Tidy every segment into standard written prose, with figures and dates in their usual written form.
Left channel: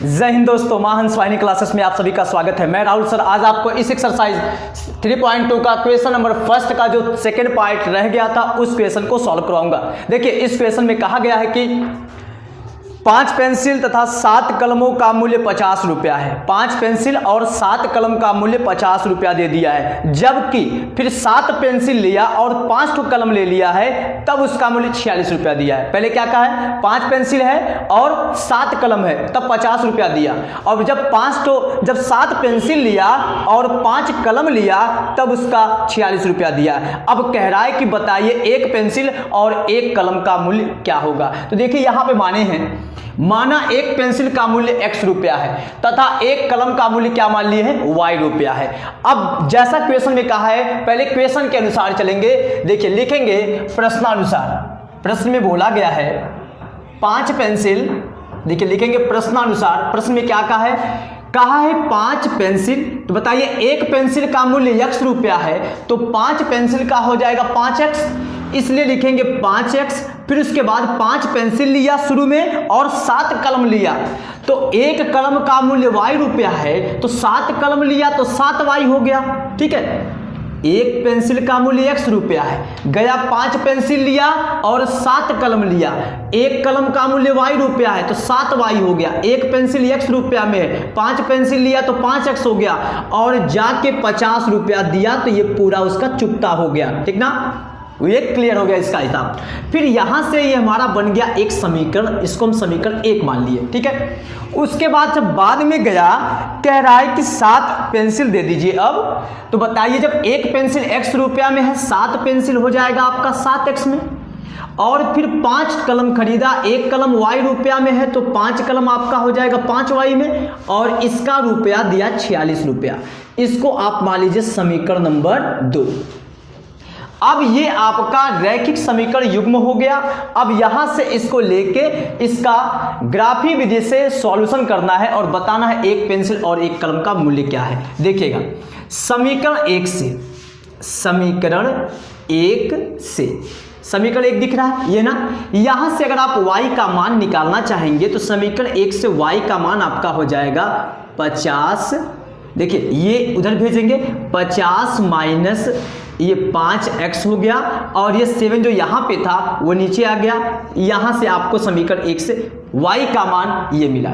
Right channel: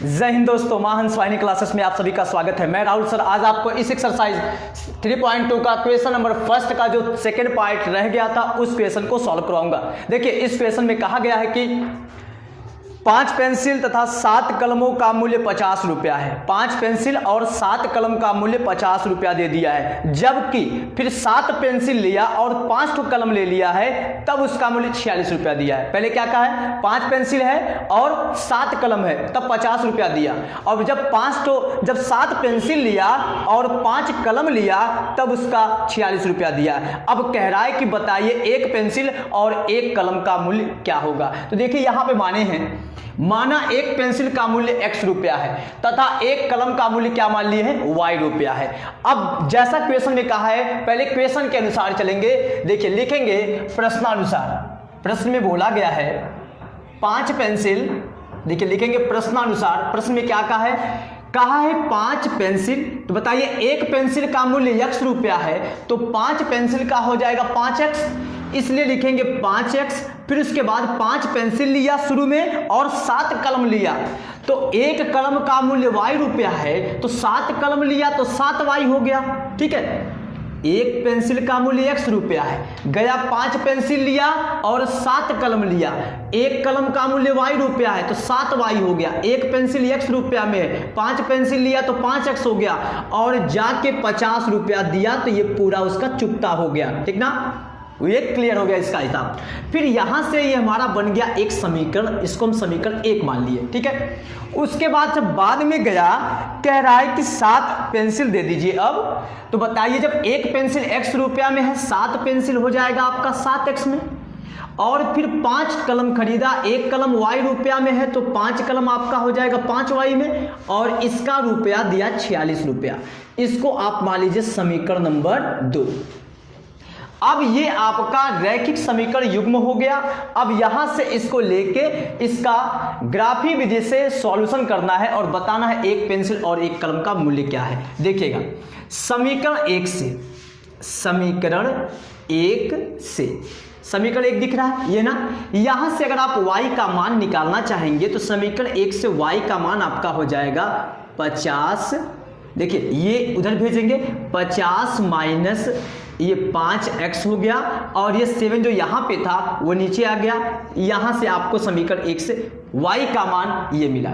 जय हिंद दोस्तों, मां हंस वाहिनी क्लासेस में आप सभी का स्वागत है। मैं राहुल सर आज आपको इस एक्सरसाइज 3.2 का क्वेश्चन नंबर फर्स्ट का जो सेकंड पार्ट रह गया था उस क्वेश्चन को सॉल्व करवाऊंगा। देखिए, इस क्वेश्चन में कहा गया है कि 5 पेंसिल तथा 7 कलमों का मूल्य 50 रुपया है। 5 पेंसिल और 7 कलम का मूल्य 50 रुपया दे दिया है, जबकि फिर 7 पेंसिल लिया और 5 कलम ले लिया है, तब उसका मूल्य 46 रुपया दिया है। पहले क्या कहा है, 5 पेंसिल है और 7 कलम है, तब 50 रुपया दिया। और जब 7 पेंसिल लिया और 5 कलम लिया, तब उसका 46 रुपया दिया। अब कह रहा है कि बताइए एक पेंसिल और एक कलम का मूल्य क्या होगा। तो देखिए यहाँ पे माना एक पेंसिल का मूल्य x रुपया है तथा एक कलम का मूल्य क्या मान लिए है, y रुपया है। अब जैसा क्वेश्चन में कहा है, पहले क्वेश्चन के अनुसार चलेंगे। देखिए, लिखेंगे प्रश्नानुसार। प्रश्न में बोला गया है 5 पेंसिल। देखिए, लिखेंगे प्रश्नानुसार। प्रश्न में क्या कहा है 5 पेंसिल। तो बताइए एक पेंसिल का मूल्य x रुपया है, तो 5 पेंसिल का हो जाएगा 5x, इसलिए लिखेंगे 5x। फिर उसके बाद 5 पेंसिल लिया शुरू में और 7 कलम लिया, तो एक कलम का मूल्य y रुपया है, तो 7 कलम लिया तो 7y हो गया। ठीक है, एक पेंसिल का मूल्य x रुपया है, गया 5 पेंसिल लिया और 7 कलम लिया, एक कलम का मूल्य y रुपया है, तो 7y हो गया। एक पेंसिल x रुपया में है, 5 पेंसिल लिया तो 5x हो गया, और जाके 50 रुपया दिया, तो ये पूरा उसका चुकता हो गया। ठीक ना, ये क्लियर हो गया इसका हिसाब। फिर यहां से ये हमारा बन गया एक समीकरण, इसको हम समीकरण 1 मान लिए। ठीक है, उसके बाद जब बाद में गया, कह रहा है कि 7 पेंसिल दे दीजिए। अब तो बताइए, जब एक पेंसिल x रुपया में है, 7 पेंसिल हो जाएगा आपका 7x में, और फिर 5 कलम खरीदा, एक कलम y रुपया में है, तो 5 कलम आपका हो जाएगा 5y में, और इसका रुपया दिया 46 रुपया। इसको आप मान लीजिए समीकरण नंबर 2। अब ये आपका रैखिक समीकरण युग्म हो गया। अब यहां से इसको लेके इसका ग्राफी विधि से सॉल्यूशन करना है और बताना है एक पेंसिल और एक कलम का मूल्य क्या है। देखिएगा, समीकरण 1 दिख रहा है ये ना। यहां से अगर आप y का मान निकालना चाहेंगे तो समीकरण 1 से y का मान आपका हो जाएगा 50। देखिए, ये उधर भेजेंगे, 50 माइनस ये 5x हो गया, और ये 7 जो यहाँ पे था वो नीचे आ गया। यहाँ से आपको समीकरण 1 से y का मान ये मिला।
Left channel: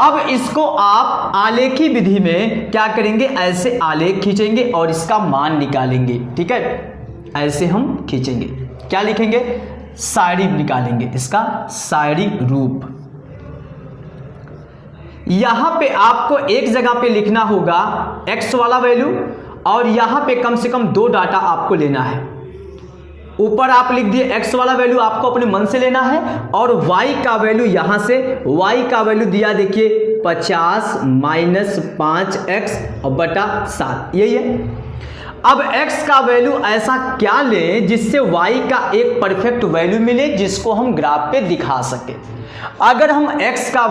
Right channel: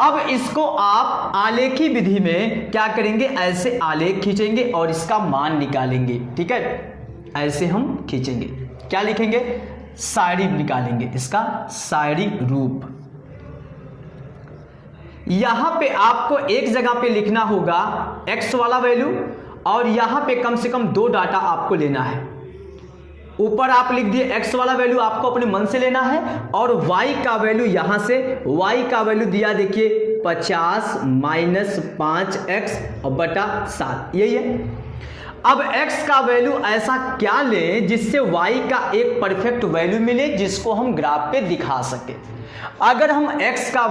अब इसको आप आलेखी विधि में क्या करेंगे, ऐसे आलेख खींचेंगे और इसका मान निकालेंगे। ठीक है, ऐसे हम खींचेंगे, क्या लिखेंगे, साइडी निकालेंगे, इसका साइडी रूप। यहां पे आपको एक जगह पे लिखना होगा x वाला वैल्यू, और यहां पे कम से कम 2 डाटा आपको लेना है। ऊपर आप लिख दिए x वाला वैल्यू आपको अपने मन से लेना है, और y का वैल्यू यहां से y का वैल्यू दिया, देखिए 50 माइनस 5x और बटा 7, यही है। अब x का वैल्यू ऐसा क्या लें जिससे y का एक परफेक्ट वैल्यू मिले, जिसको हम ग्राफ पे दिखा सके। अगर हम x का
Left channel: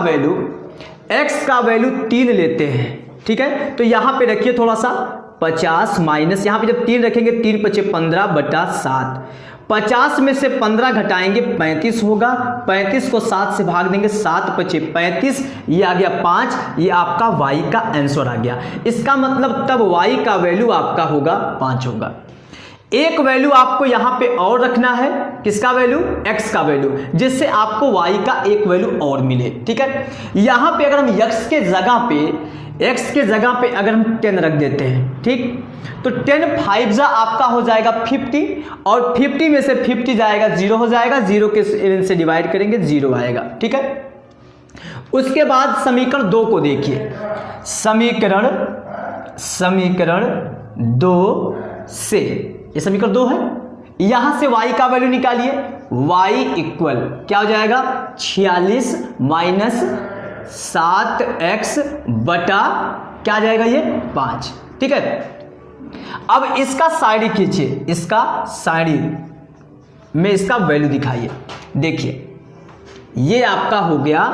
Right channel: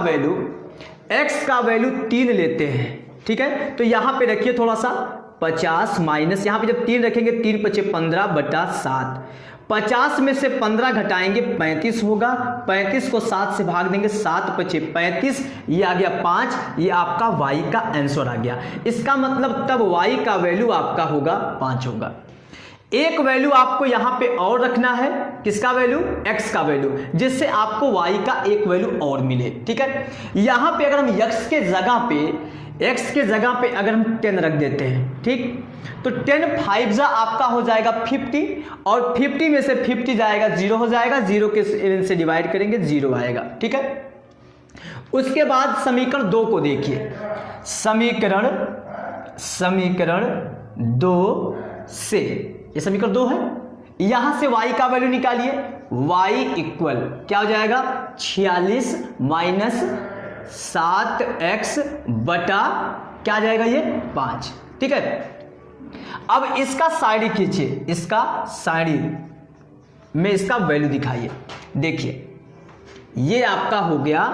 वैल्यू 3 लेते हैं, ठीक है, तो यहां पे रखिए थोड़ा सा 50 माइनस, यहाँ पे जब 3 रखेंगे 3 × 5 = 15 बटा 7। 50 में से 15 घटाएंगे 35 होगा, 35 को 7 से भाग देंगे, 7 × 5 = 35, ये आ गया 5। ये आपका y का आंसर आ गया। इसका मतलब तब y का वैल्यू आपका होगा 5 होगा। एक वैल्यू आपको यहाँ पे और रखना है, किसका वैल्यू, x का वैल्यू, जिससे आपको y का एक वैल्यू और मिले। ठीक है, यहाँ पे अगर हम x के जगह पे अगर हम 10 रख देते हैं, ठीक, तो 10 5 आपका हो जाएगा 50, और 50 में से 50 जाएगा 0 हो जाएगा, 0 के से डिवाइड करेंगे 0 आएगा। ठीक है, उसके बाद समीकरण 2 को देखिए। समीकरण 2 से, ये समीकरण 2 है, यहां से y का वैल्यू निकालिए। y इक्वल क्या हो जाएगा, 46 माइनस 7x बटा क्या आ जाएगा, ये 5। ठीक है, अब इसका साइड खींचिए, इसका साइड में इसका वैल्यू दिखाइए। देखिए, ये आपका हो गया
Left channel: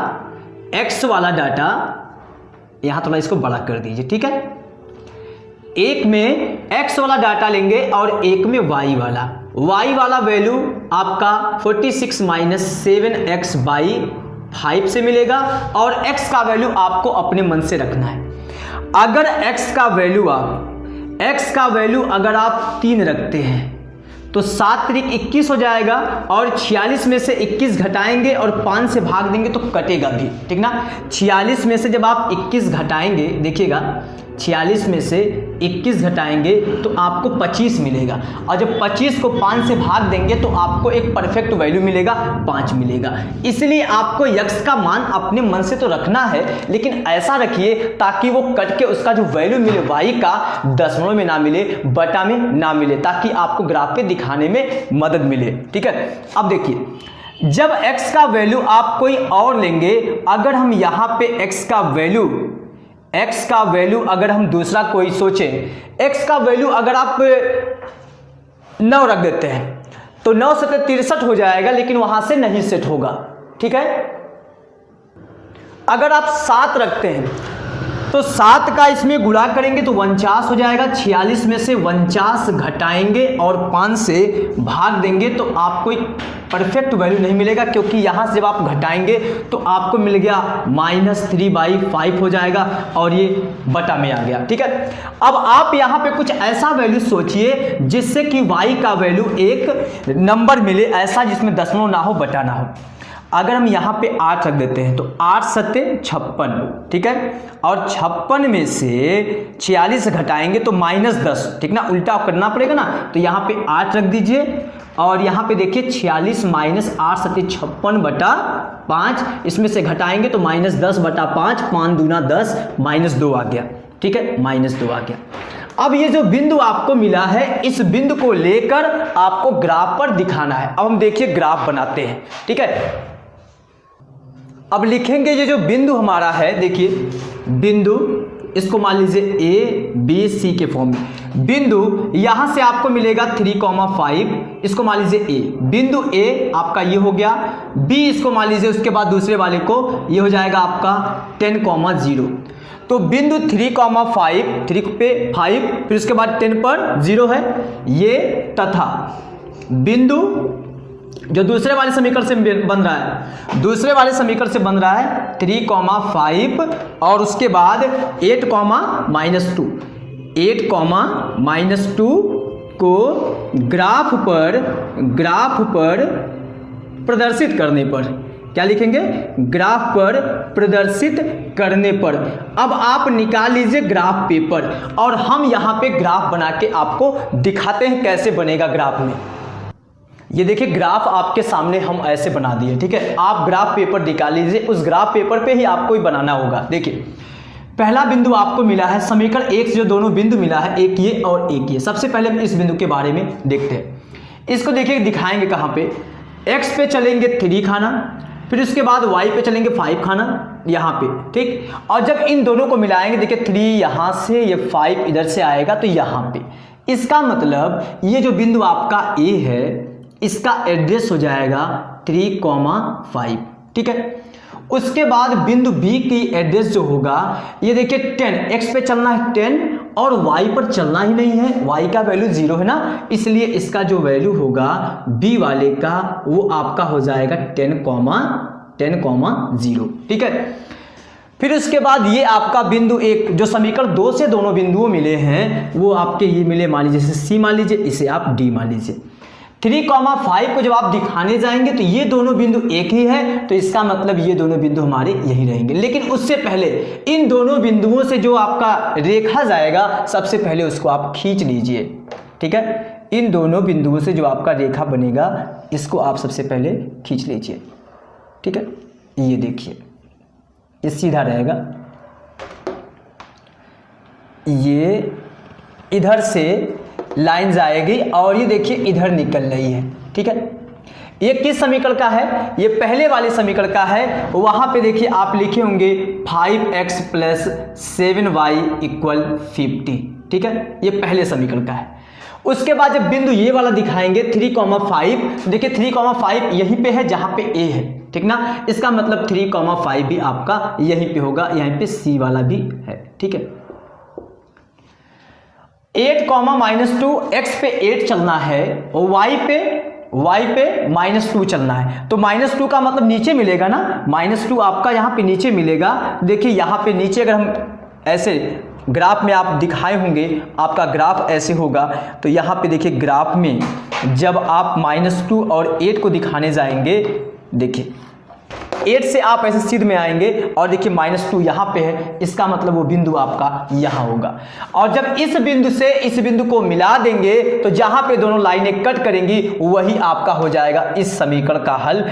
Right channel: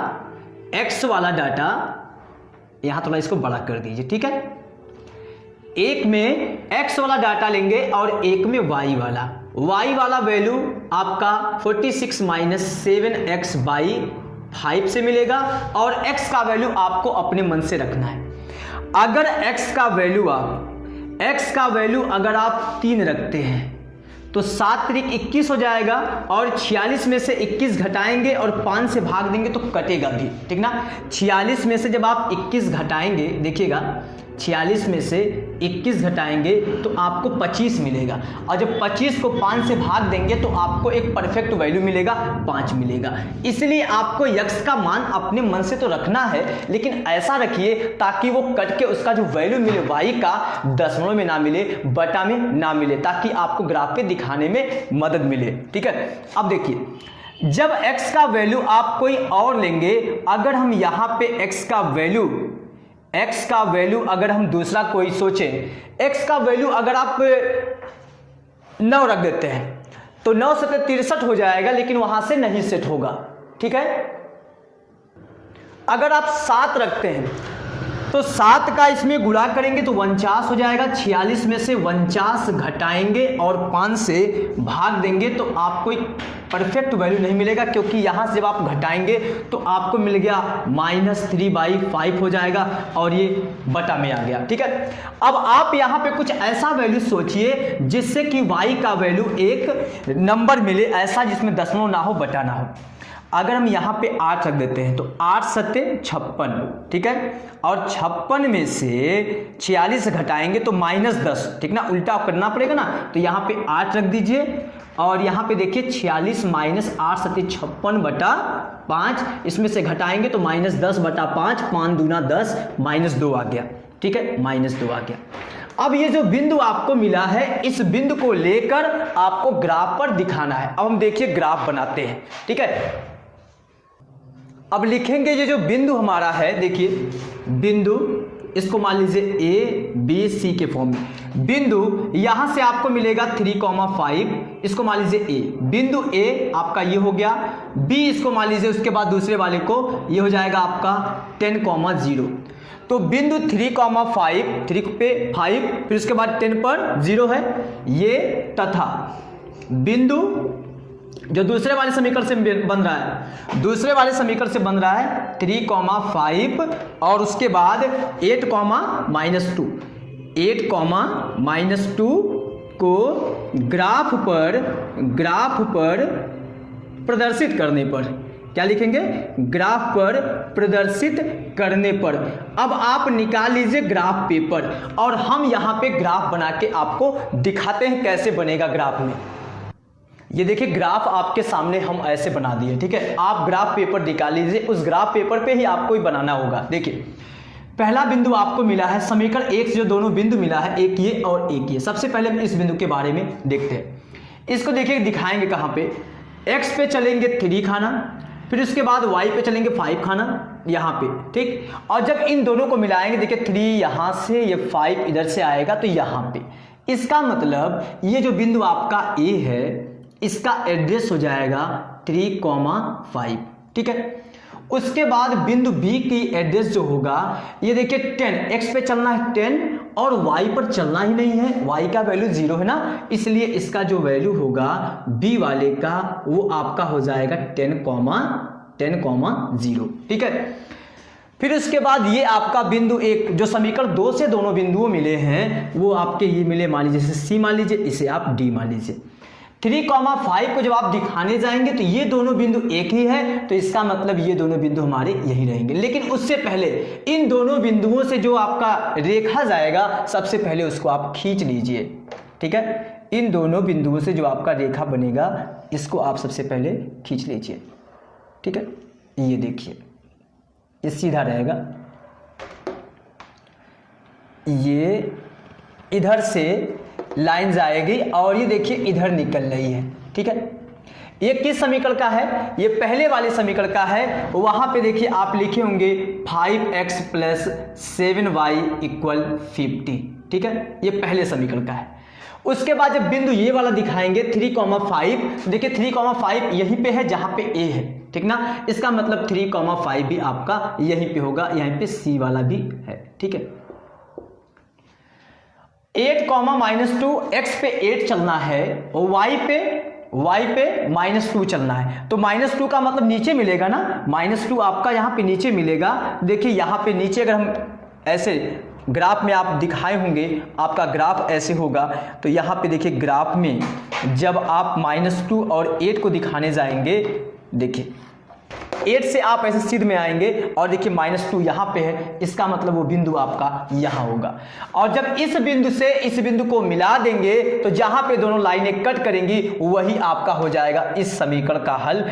x वाला डाटा, यहां थोड़ा इसको बड़ा कर दीजिए। ठीक है, एक में x वाला डाटा लेंगे और एक में y वाला वैल्यू आपका 46 माइनस 7x बाई 5 से मिलेगा और x का वैल्यू आपको अपने मन से रखना है। अगर x का वैल्यू अगर आप 3 रखते हैं तो 7 त्रिक 21 हो जाएगा और 46 में से 21 घटाएंगे और 5 से भाग देंगे तो कटेगा भी, ठीक ना। 46 में से जब आप 21 घटाएंगे, देखिएगा 46 में से 21 घटाएंगे तो आपको 25 मिलेगा और जब 25 को 5 से भाग देंगे तो आपको एक परफेक्ट वैल्यू मिलेगा, 5 मिलेगा। इसलिए आपको x का मान अपने मन से तो रखना है, लेकिन ऐसा रखिए ताकि वो कट के उसका जो वैल्यू मिले y का दशमलव में ना मिले, बटा में ना मिले, ताकि आपको ग्राफ पे दिखाने में मदद मिले, ठीक है। अब देखिए जब x का वैल्यू आप कोई और लेंगे, अगर हम यहाँ पे x का वैल्यू अगर हम दूसरा कोई सोचें, x का वैल्यू अगर आप 9 रख देते हैं तो 9 से 63 हो जाएगा, लेकिन वहां से नहीं सेट होगा, ठीक है। अगर आप 7 रखते हैं तो 7 का इसमें गुणा करेंगे तो 49 हो जाएगा। 46 में से 49 घटाएंगे और 5 से भाग देंगे तो आपको एक परफेक्ट वैल्यू नहीं मिलेगा, क्योंकि यहां से जब आप घटाएंगे तो आपको मिल गया -3/5 हो जाएगा और ये बटा में आ गया, ठीक है। अब आप यहां पे कुछ ऐसा वैल्यू सोचिए जिससे कि y का वैल्यू एक नंबर मिले, ऐसा जिसमें दशमलव ना हो, बटा ना हो। अगर हम यहाँ पे 8 रख देते हैं तो 8 सत्ते 56, ठीक है, और 56 में से 46 घटाएंगे तो -10, ठीक ना, उल्टा करना पड़ेगा ना। तो यहाँ पे 8 रख दीजिए और यहाँ पे देखिए 46 - 8 सत्ते 56 बटा 5, इसमें से घटाएंगे तो -10 बटा 5, 5 दूना 10, -2 आ गया, ठीक है, -2 आ गया। अब ये जो बिंदु आपको मिला है, इस बिंदु को लेकर आपको ग्राफ पर दिखाना है। अब हम देखिए ग्राफ बनाते हैं, ठीक है। अब लिखेंगे ये जो बिंदु हमारा है, देखिए बिंदु, इसको मान लीजिए A B C के फॉर्म में। बिंदु यहां से आपको मिलेगा 3,5, इसको मान लीजिए A। बिंदु A आपका ये हो गया, B इसको मान लीजिए, उसके बाद दूसरे वाले को ये हो जाएगा आपका 10,0। तो बिंदु 3,5, 3 पे 5, फिर उसके बाद 10 पर 0 है ये, तथा बिंदु जो दूसरे वाले समीकरण से बन रहा है, दूसरे वाले समीकरण से बन रहा है 3,5 और उसके बाद 8,-2, 8,-2 को ग्राफ पर प्रदर्शित करने पर, क्या लिखेंगे, ग्राफ पर प्रदर्शित करने पर। अब आप निकाल लीजिए ग्राफ पेपर और हम यहां पे ग्राफ बना के आपको दिखाते हैं कैसे बनेगा ग्राफ में। ये देखिए ग्राफ आपके सामने हम ऐसे बना दिए, ठीक है। आप ग्राफ पेपर निकाल लीजिए, उस ग्राफ पेपर पे ही आपको ही बनाना होगा। देखिए पहला बिंदु आपको मिला है, समीकरण 1 से जो दोनों बिंदु मिला है, एक ये और एक ये। सबसे पहले हम इस बिंदु के बारे में देखते हैं। इसको देखिए दिखाएंगे कहाँ पे, x पे चलेंगे 3 खाना, फिर उसके बाद y पे चलेंगे 5 खाना, यहाँ पे, ठीक। और जब इन दोनों को मिलाएंगे, देखिए 3 यहाँ से, ये 5 इधर से आएगा तो यहाँ पे, इसका मतलब ये जो बिंदु आपका A है, इसका एड्रेस हो जाएगा 3,5, ठीक है। उसके बाद बिंदु B की एड्रेस जो होगा, ये देखिए 10, x पे चलना है 10 और y पर चलना ही नहीं है, y का वैल्यू 0 है ना, इसलिए इसका जो वैल्यू होगा B वाले का वो आपका हो जाएगा 10,0, ठीक है। फिर उसके बाद ये आपका बिंदु 1, जो समीकरण 2 से दोनों बिंदुओं मिले हैं, वो आपके ये मिले, मान लीजिए C मान लीजिए, इसे आप D मान लीजिए। 3,5 को जब आप दिखाने जाएंगे तो ये दोनों बिंदु एक ही है, तो इसका मतलब ये दोनों बिंदु हमारे यही रहेंगे। लेकिन उससे पहले इन दोनों बिंदुओं से जो आपका रेखा जाएगा, सबसे पहले उसको आप खींच लीजिए, ठीक है। इन दोनों बिंदुओं से जो आपका रेखा बनेगा, इसको आप सबसे पहले खींच लीजिए, ठीक है। ये देखिए ये सीधा रहेगा, ये इधर से लाइन जाएगी और ये देखिए इधर निकल रही है, ठीक है। ये किस समीकरण का है, ये पहले वाले समीकरण का है। वहां पे देखिए आप लिखे होंगे 5x + 7y = 50, ठीक है, ये पहले समीकरण का है। उसके बाद जब बिंदु ये वाला दिखाएंगे 3,5, देखिए 3,5 यहीं पे है जहां पे A है, ठीक ना, इसका मतलब 3,5 भी आपका यहीं पे होगा, यहीं पे C वाला भी है, ठीक है। 8, -2, x पे 8 चलना है और y पे y पे -2 चलना है, तो -2 का मतलब नीचे मिलेगा ना, -2 आपका यहाँ पे नीचे मिलेगा। देखिए यहाँ पे नीचे अगर हम ऐसे ग्राफ में आप दिखाए होंगे, आपका ग्राफ ऐसे होगा, तो यहाँ पे देखिए ग्राफ में जब आप -2 और 8 को दिखाने जाएंगे, देखिए 8 से आप ऐसे सीध में आएंगे और देखिए -2 यहाँ पे है, इसका मतलब वो बिंदु आपका यहाँ होगा। और जब इस बिंदु से इस बिंदु को मिला देंगे तो जहाँ पे दोनों लाइनें कट करेंगी वही आपका हो जाएगा इस समीकरण का हल।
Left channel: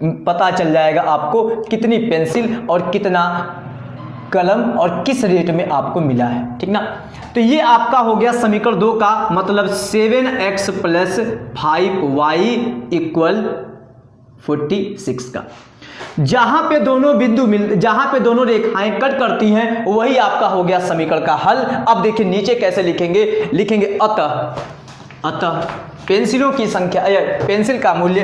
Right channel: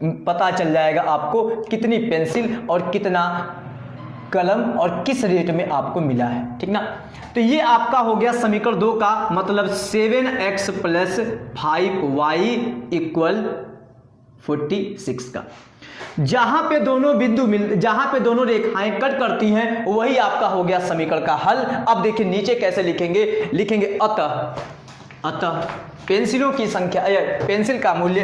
पता चल जाएगा आपको कितनी पेंसिल और कितना कलम और किस रेट में आपको मिला है, ठीक ना। तो ये आपका हो गया समीकरण 2 का मतलब 7x + 5y = 46 का। जहां पे दोनों बिंदु जहां पे दोनों रेखाएं कट करती हैं वही आपका हो गया समीकरण का हल। अब देखिए नीचे कैसे लिखेंगे, अतः पेंसिलों की संख्या, पेंसिल का मूल्य,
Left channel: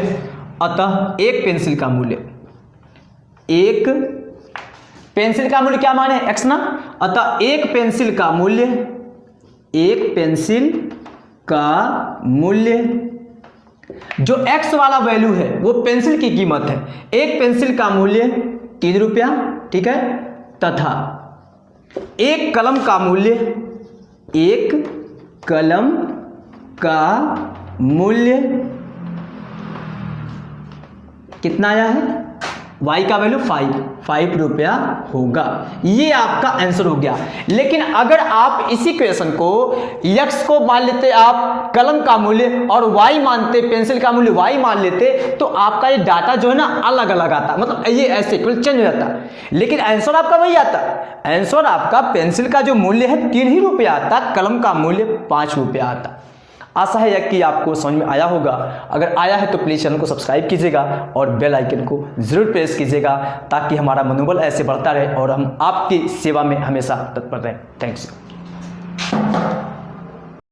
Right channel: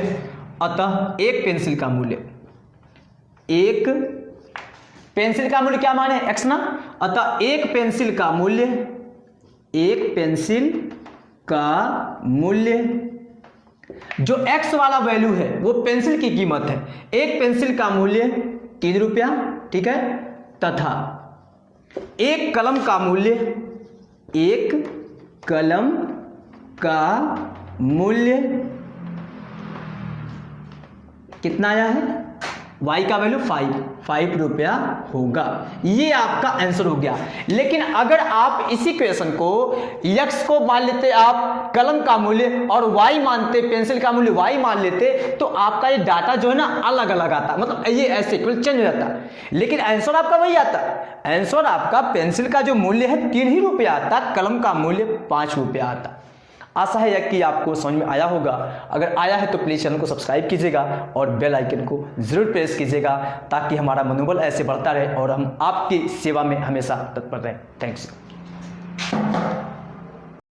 अतः एक पेंसिल का मूल्य, एक पेंसिल का मूल्य क्या माने x ना, अतः एक पेंसिल का मूल्य जो x वाला वैल्यू है वो पेंसिल की कीमत है, एक पेंसिल का मूल्य 3 रुपया, ठीक है, तथा एक कलम का मूल्य कितना आया है, y का वैल्यू 5 रुपया होगा। ये आपका आंसर हो गया। लेकिन अगर आप इसी क्वेश्चन को x को मान लेते आप कलम का मूल्य और y मानते, पेंसिल का मूल्य y मान लेते, तो आपका ये डाटा जो है ना अलग अलग आता, मतलब ये ऐसे चेंज हो जाता, लेकिन आंसर आपका वही आता। आंसर आपका पेंसिल का जो मूल्य है 3 ही रुपया आता, कलम का मूल्य 5 रुपया आता। आशा है कि आपको समझ में आया होगा। अगर आया है तो प्लीज़ चैनल को सब्सक्राइब कीजिएगा और बेल आइकन को जरूर प्रेस कीजिएगा ताकि हमारा मनोबल ऐसे बढ़ता रहे और हम आपकी सेवा में हमेशा तत्पर रहें। थैंक्स।